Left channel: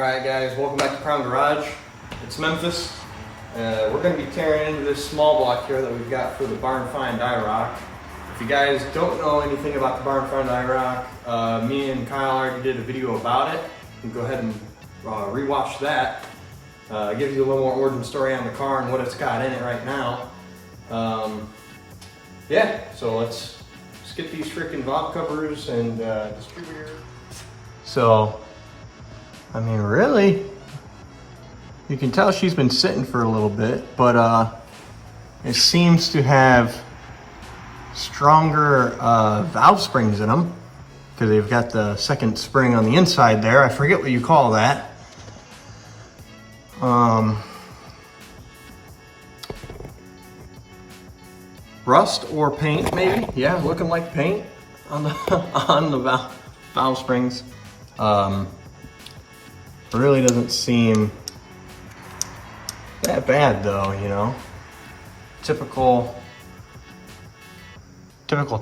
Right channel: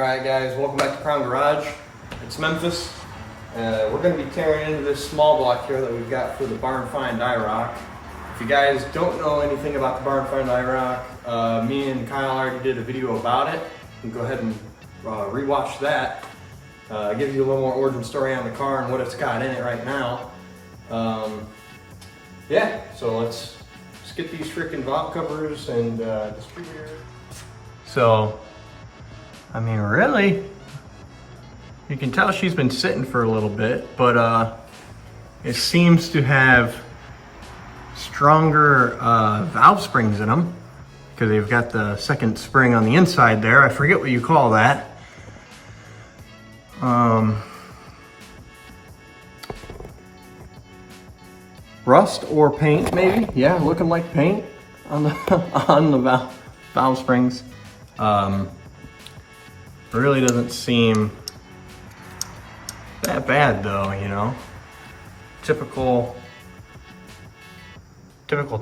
Alright guys, welcome back to Crown Garage. It's Memphis. We're going to be tearing into this small block here that we've got for the barn find Iroc. If you guys don't know anything about the barn find Iroc, me and Kyle already did a video about it. You can go ahead and rewatch that. Gives you a little more origin story on the car and what it's got in it right now. Yeah, so let's get these freaking valve covers and distributor. So, I mean, really, you can tell she's been sitting for a little bit, but it seems to have stronger valve springs in them because they've got the second spring on the inside there. I forget what you call that. Rust or paint, maybe. Yeah, looking like paint on the on the valve springs. Really doesn't seem that bad though, you know. Typical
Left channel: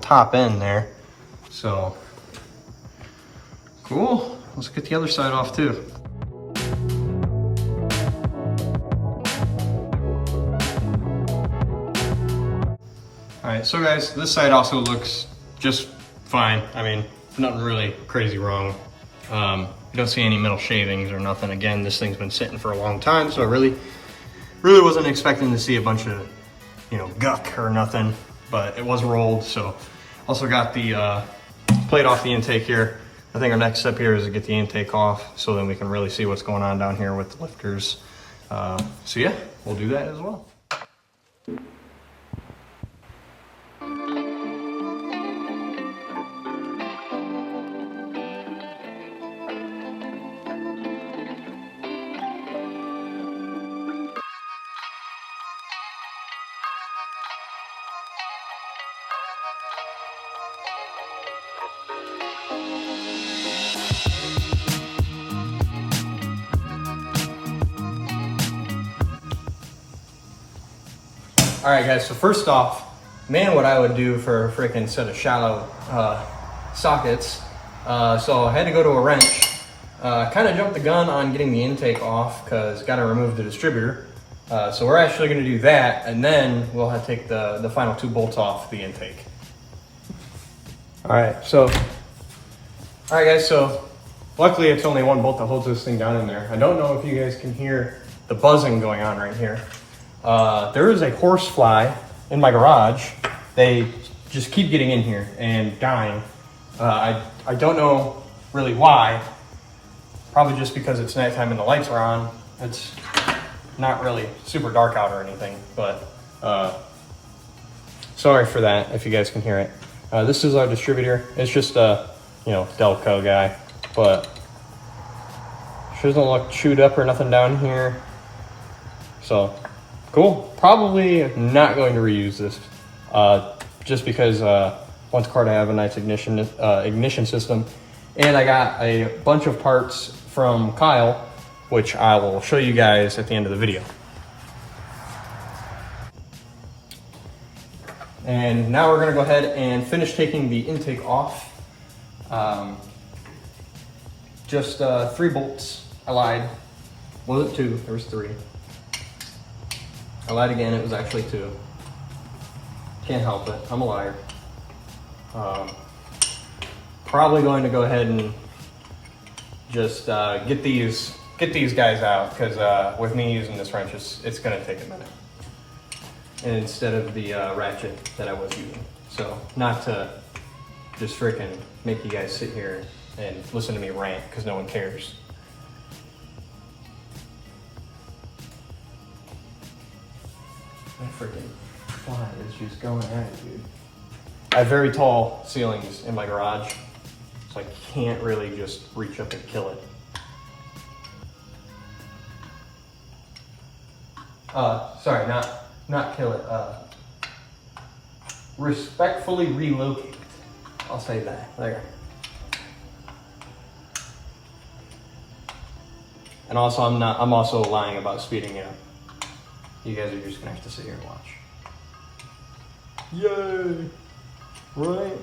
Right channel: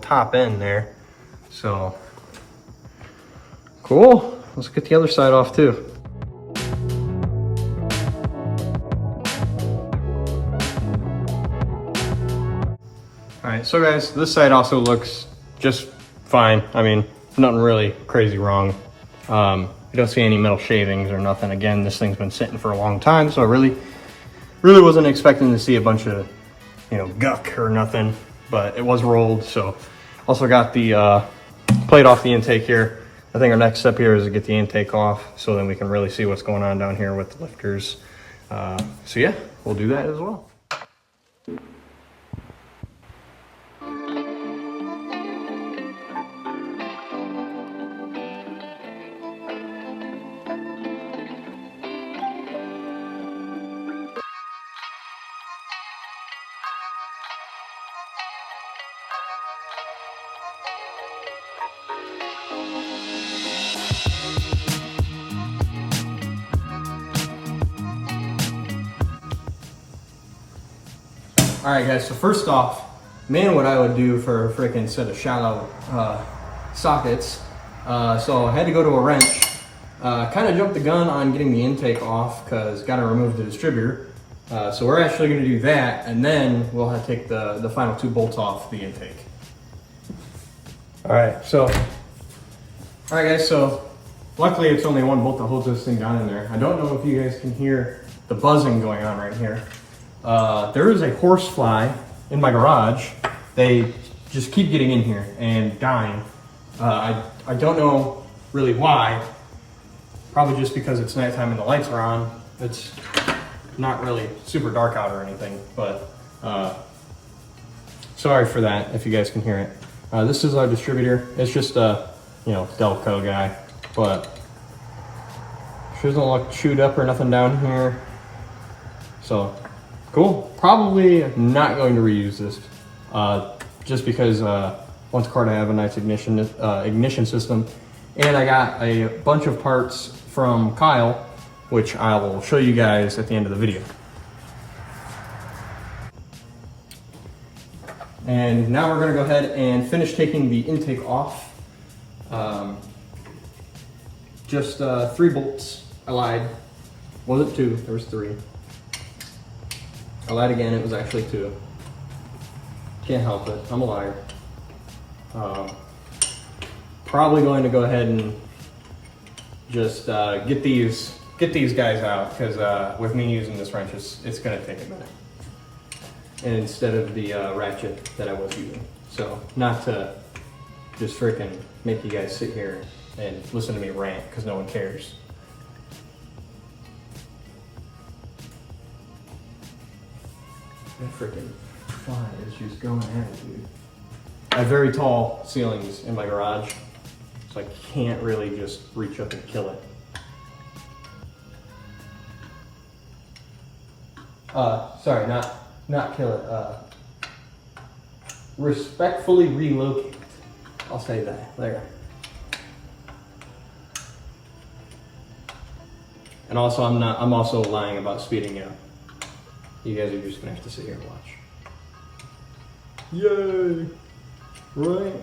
top end there. So cool. Let's get the other side off too. All right, so guys, this side also looks just fine. I mean, nothing really crazy wrong. You don't see any metal shavings or nothing. Again, this thing's been sitting for a long time, so I really wasn't expecting to see a bunch of, you know, guck or nothing, but it was rolled. So also got the plate off the intake here. I think our next step here is to get the intake off so then we can really see what's going on down here with the lifters. So yeah, we'll do that as well. All right guys, so first off, man, what I would do for a freaking set of shallow sockets. So I had to go to a wrench, kind of jumped the gun on getting the intake off because got to remove the distributor. So we're actually going to do that, and then we'll have to take the final two bolts off the intake. All right, guys, so luckily it's only one bolt that holds this thing down in there. I don't know if you guys can hear the buzzing going on right here. There is a horsefly in my garage. They just keep getting in here and dying. I don't know really why. Probably just because it's nighttime and the lights are on. It's not really super dark out or anything, but sorry for that if you guys can hear it. This is our distributor. It's just a, you know, Delco guy, but she doesn't look chewed up or nothing down here. So cool. Probably not going to reuse this, just because want the car to have a nice ignition system, and I got a bunch of parts from Kyle, which I will show you guys at the end of the video. And now we're going to go ahead and finish taking the intake off. Just 3 bolts. I lied. Wasn't 2. There was 3. I lied again, it was actually 2. Can't help it, I'm a liar. Probably going to go ahead and just get these guys out, because with me using this wrench, it's gonna take a minute. And instead of the ratchet that I was using. So, not to just freaking make you guys sit here and listen to me rant, because no one cares. That freaking fly is just going at it, dude. I have very tall ceilings in my garage, so I can't really just reach up and kill it. Sorry, not kill it. Respectfully relocate. I'll say that. There. And also, I'm also lying about speeding up. You guys are just gonna have to sit here and watch. Yay! Right?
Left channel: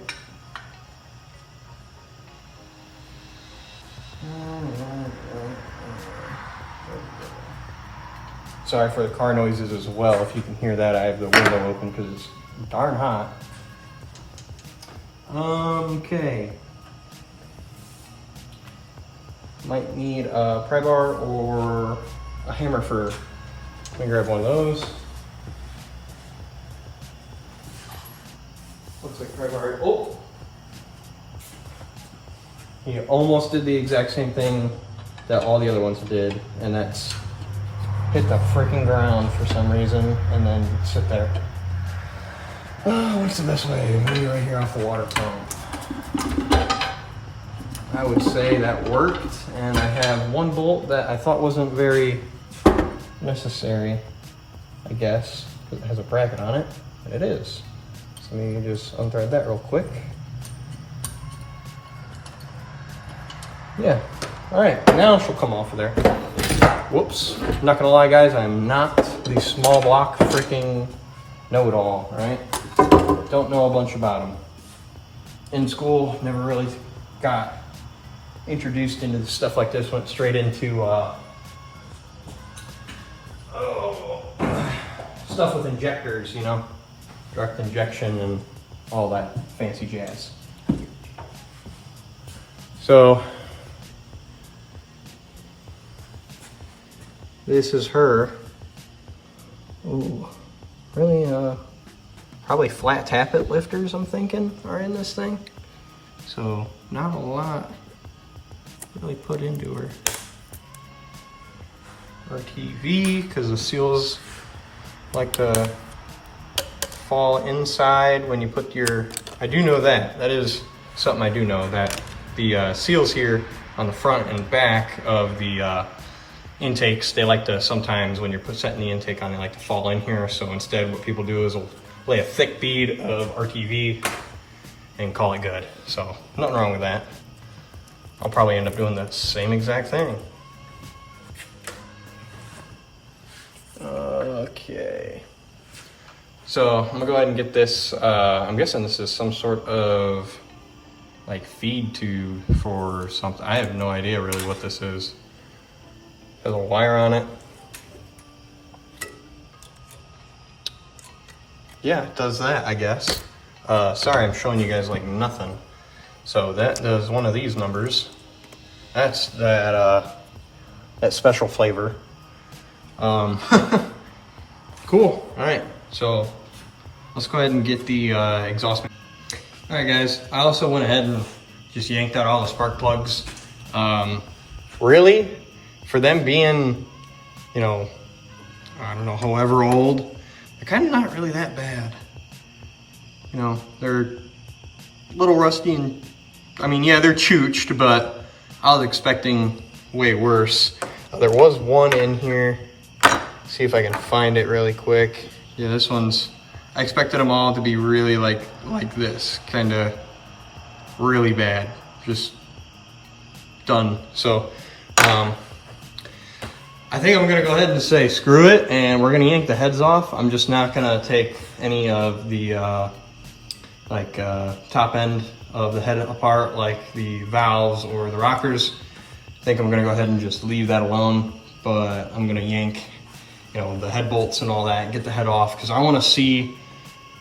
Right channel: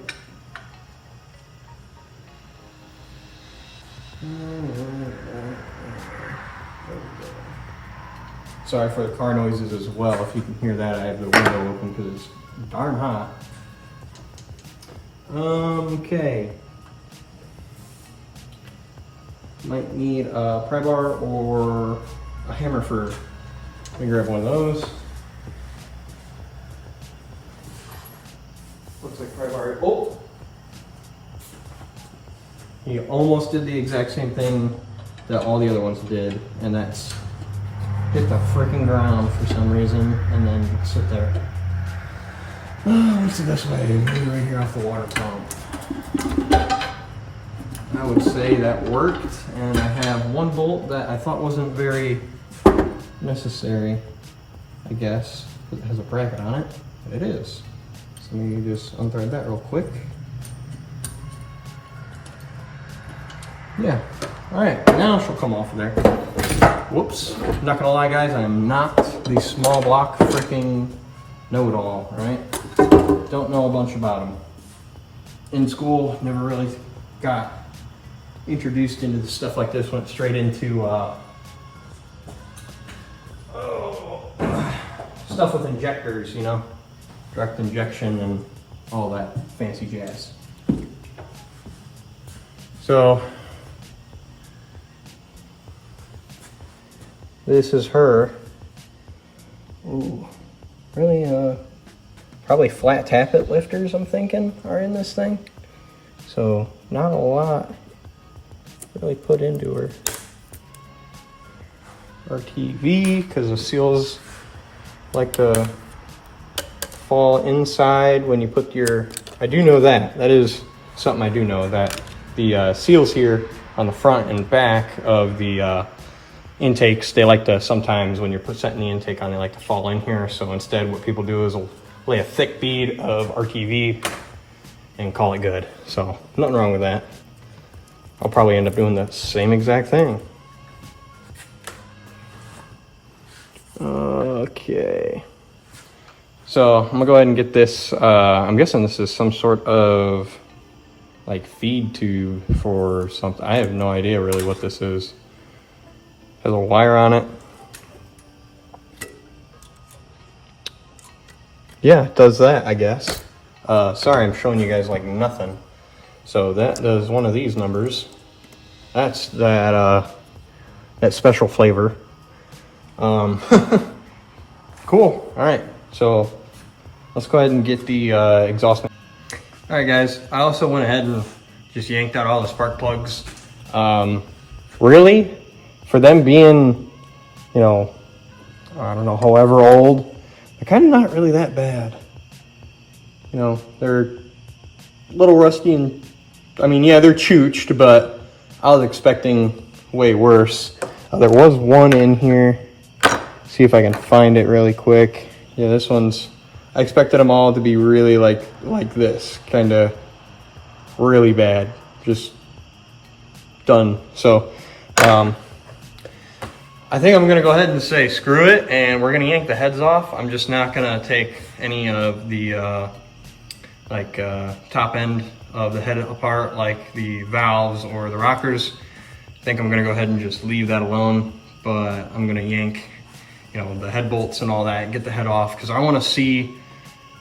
Sorry for the car noises as well. If you can hear that, I have the window open because it's darn hot. Okay. Might need a pry bar or a hammer for. Let me grab one of those. Looks like pry bar. Oh! You almost did the exact same thing that all the other ones did, and that's hit the freaking ground for some reason and then sit there. What's the best way? Maybe right here off the water pump. I would say that worked, and I have one bolt that I thought wasn't very necessary, I guess. It has a bracket on it, but it is. So let me just unthread that real quick. Yeah, all right, now she'll come off of there. Whoops, not gonna lie guys, I am not the small block freaking know-it-all, right? Don't know a bunch about them. In school, never really got introduced into the stuff like this, went straight into stuff with injectors, you know, direct injection and all that fancy jazz. So, this is her. Ooh, really, probably flat tappet lifters, I'm thinking, are in this thing. So, not a lot really put into her. RTV, because the seals like to fall inside when you put your, I do know that. That is something I do know, that the seals here on the front and back of the intakes, they like to sometimes when you're setting the intake on, they like to fall in here. So instead what people do is they'll lay a thick bead of RTV and call it good. So nothing wrong with that. I'll probably end up doing the same exact thing. Okay. So I'm gonna go ahead and get this, I'm guessing this is some sort of like feed tube for something. I have no idea really what this is. Has a wire on it. Yeah, it does that, I guess. Sorry, I'm showing you guys like nothing. So that does one of these numbers. That's that that special flavor. Cool. All right, so let's go ahead and get the exhaust. All right, guys. I also went ahead and just yanked out all the spark plugs. Really, for them being, you know, I don't know, however old, they're kind of not really that bad. You know, they're a little rusty and, I mean, yeah, they're chooched, but I was expecting way worse. There was one in here. See if I can find it really quick. Yeah, this one's, I expected them all to be really like this, kind of really bad, just done. So, I think I'm gonna go ahead and say screw it, and we're gonna yank the heads off. I'm just not gonna take any of the top end of the head apart, like the valves or the rockers. I think I'm gonna go ahead and just leave that alone, but I'm gonna yank, you know, the head bolts and all that, get the head off, because I want to see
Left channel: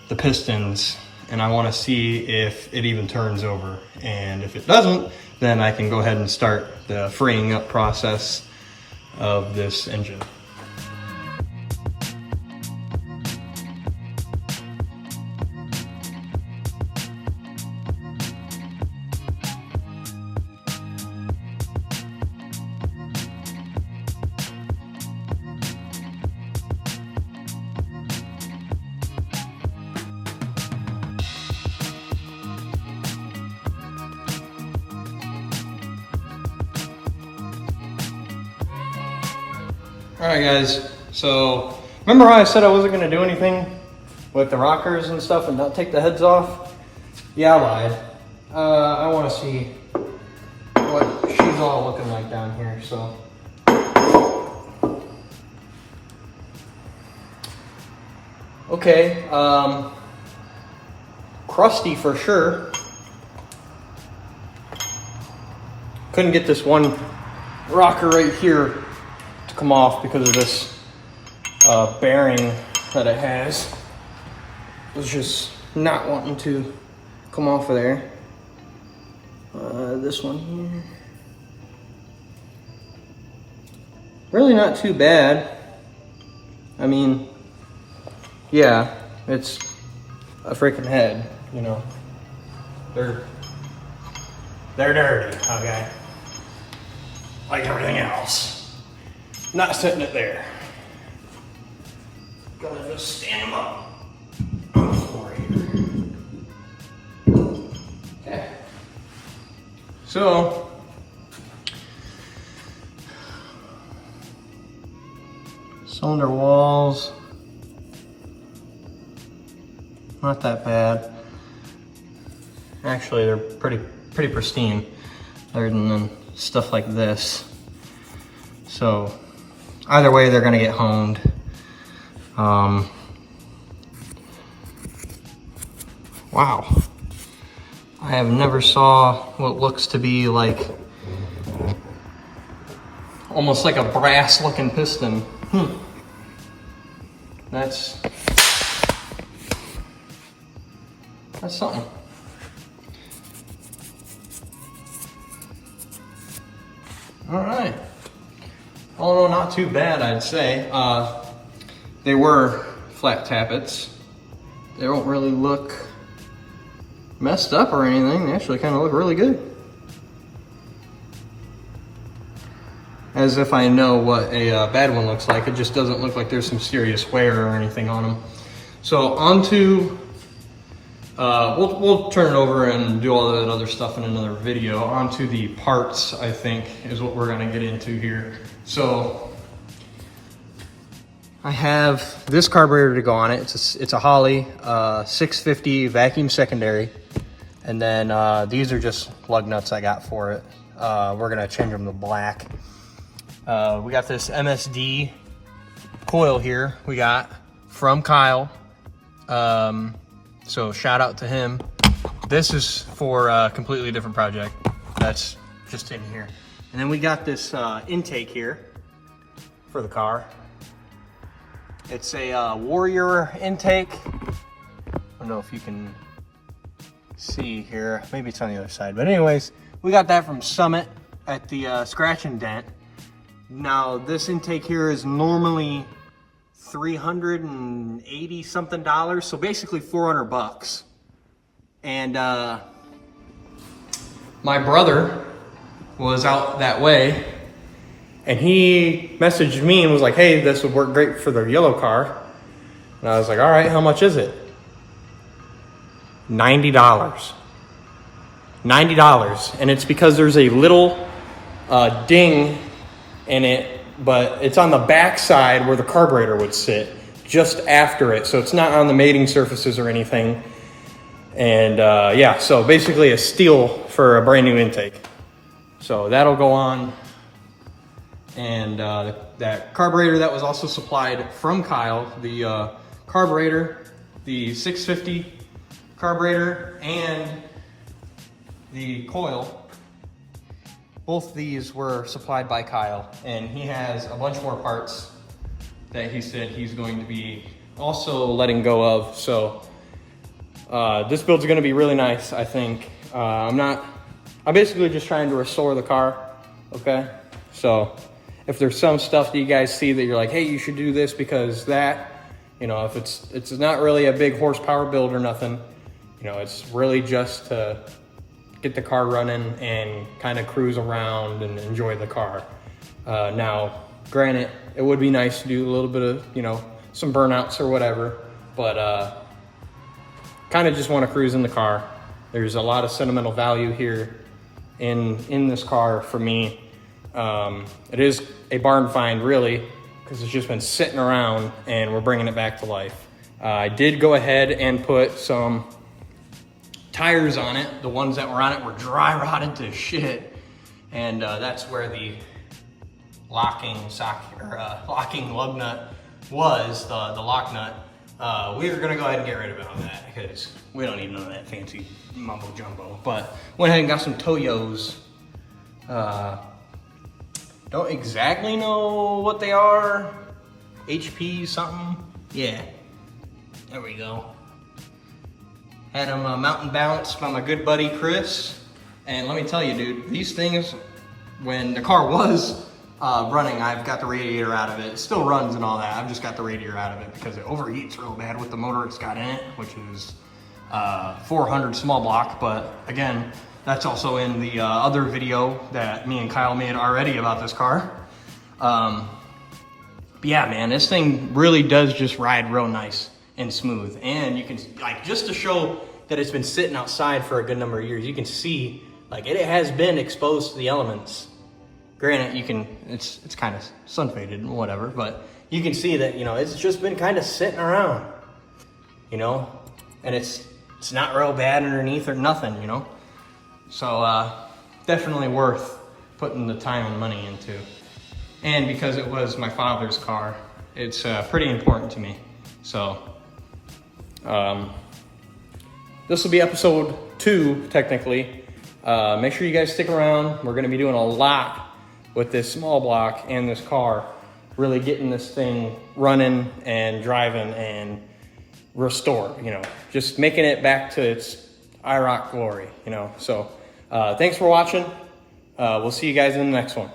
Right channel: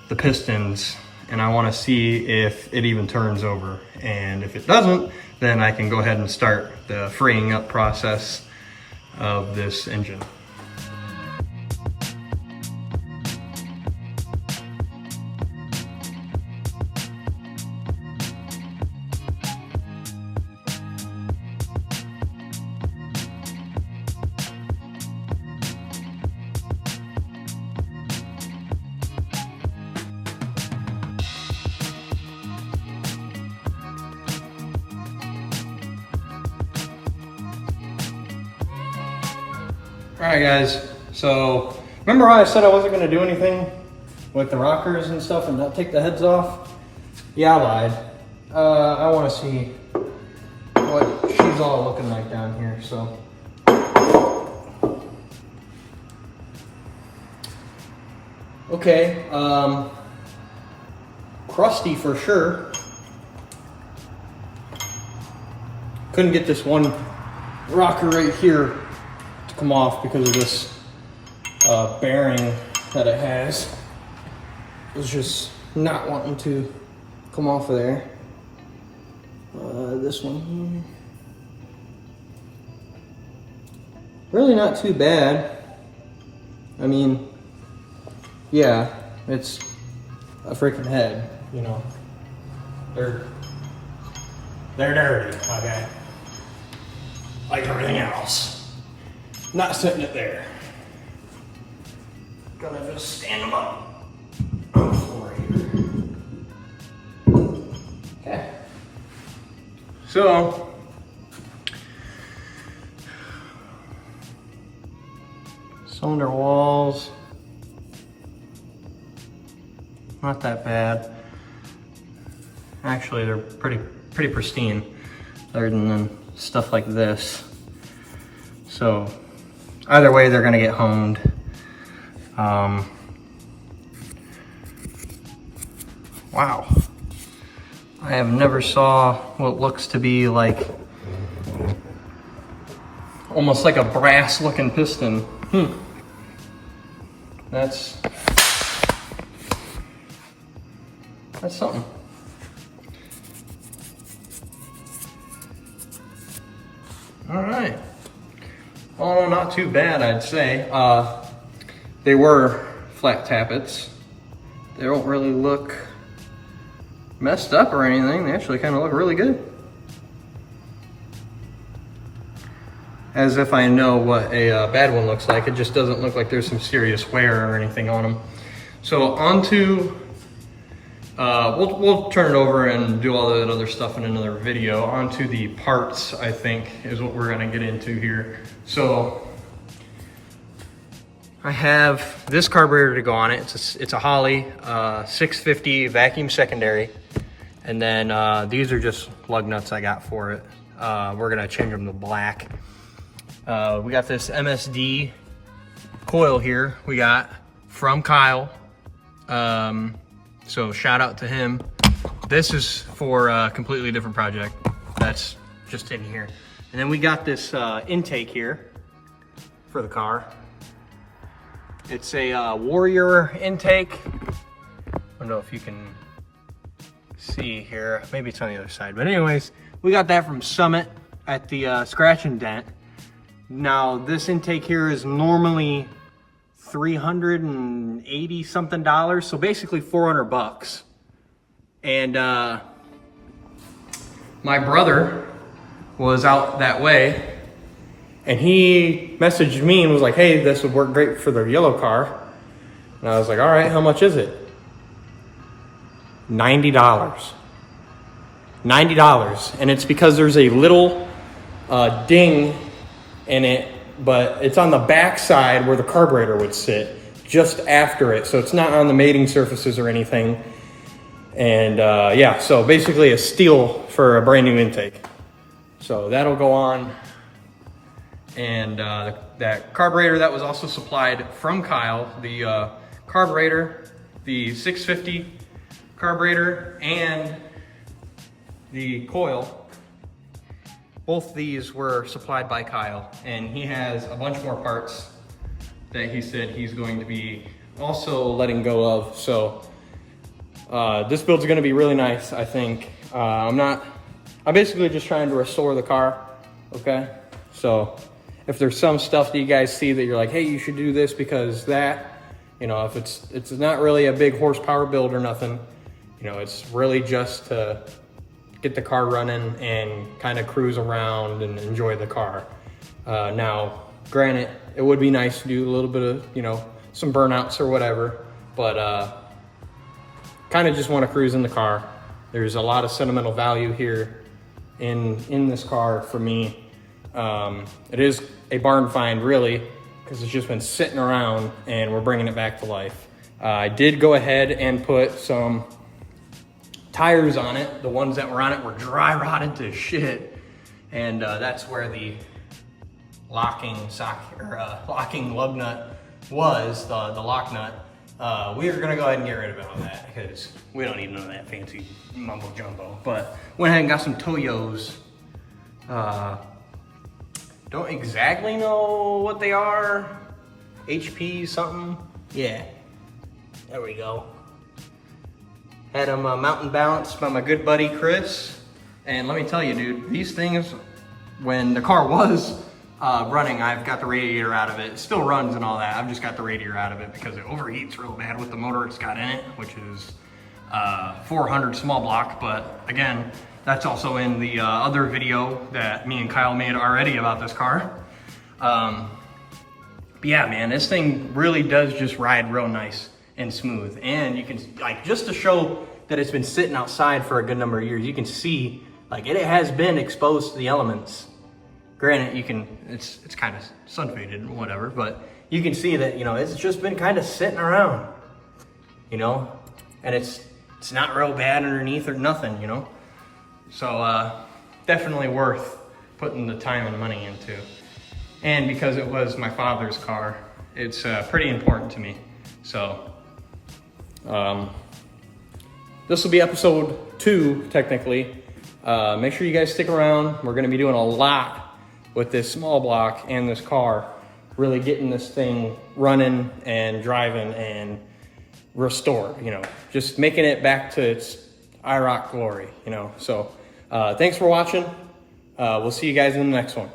the pistons and I want to see if it even turns over. And if it doesn't, then I can go ahead and start the freeing up process of this engine. All right, guys, so remember how I said I wasn't gonna do anything with the rockers and stuff and not take the heads off? Yeah, I lied. I wanna see what she's all looking like down here, so. Okay, crusty for sure. Couldn't get this one rocker right here come off because of this bearing that it has was just not wanting to come off of there. This one here. Really not too bad. I mean, yeah, it's a freaking head, you know. They're dirty, okay? Like everything else. Not setting it there. Gonna just stand them up on the floor here. Okay. So, cylinder walls, not that bad. Actually, they're pretty pristine, other than stuff like this. So, either way, they're gonna get honed. Wow, I have never saw what looks to be like almost like a brass looking piston. That's something. All right. Oh, not too bad, I'd say. They were flat tappets. They don't really look messed up or anything. They actually kind of look really good. As if I know what a bad one looks like. It just doesn't look like there's some serious wear or anything on them. So onto, we'll turn it over and do all that other stuff in another video. Onto the parts, I think, is what we're gonna get into here. So I have this carburetor to go on it. It's a Holley 650 vacuum secondary. And then these are just lug nuts I got for it. We're gonna change them to black. We got this MSD coil here we got from Kyle. So shout out to him. This is for a completely different project. That's just in here. And then we got this intake here for the car. It's a Warrior intake. I don't know if you can see here. Maybe it's on the other side. But anyways, we got that from Summit at the Scratch and Dent. Now this intake here is normally $380 something, so basically 400 bucks. And my brother was out that way and he messaged me and was like, hey, this would work great for the yellow car. And I was like, all right, how much is it? $90. $90. And it's because there's a little ding in it, but it's on the back side where the carburetor would sit, just after it. So it's not on the mating surfaces or anything. And yeah, so basically a steal for a brand new intake. So that'll go on. And that carburetor that was also supplied from Kyle, the carburetor, the 650 carburetor, and the coil, both these were supplied by Kyle. And he has a bunch more parts that he said he's going to be also letting go of. So this build's gonna be really nice, I think. I'm basically just trying to restore the car, okay? So if there's some stuff that you guys see that you're like, hey, you should do this because that, you know, if it's not really a big horsepower build or nothing, you know, it's really just to get the car running and kind of cruise around and enjoy the car. Now, granted, it would be nice to do a little bit of, you know, some burnouts or whatever, but kind of just want to cruise in the car. There's a lot of sentimental value here in this car for me. It is a barn find, really, because it's just been sitting around and we're bringing it back to life. I did go ahead and put some tires on it. The ones that were on it were dry rotted to shit, and that's where the locking lug nut was, the lock nut. We are gonna go ahead and get rid of all that because we don't need none of that fancy mumbo jumbo. But went ahead and got some Toyos. Don't exactly know what they are. HP something. Yeah, there we go. Had them mountain balanced by my good buddy Chris. And let me tell you, dude, these things, when the car was running, I've got the radiator out of it. It still runs and all that. I've just got the radiator out of it because it overheats real bad with the motor it's got in it, which is 400 small block. But again, that's also in the other video that me and Kyle made already about this car. But yeah, man, this thing really does just ride real nice and smooth. And you can, like, just to show that it's been sitting outside for a good number of years, you can see, like, it has been exposed to the elements. Granted, you can, it's kind of sun faded and whatever, but you can see that, you know, it's just been kind of sitting around, you know, and it's not real bad underneath or nothing, you know. So definitely worth putting the time and money into. And because it was my father's car, it's pretty important to me. So this will be episode 2, technically. Make sure you guys stick around. We're gonna be doing a lot with this small block and this car, really getting this thing running and driving and restored, you know, just making it back to its Iroc glory, you know. So thanks for watching. We'll see you guys in the next one.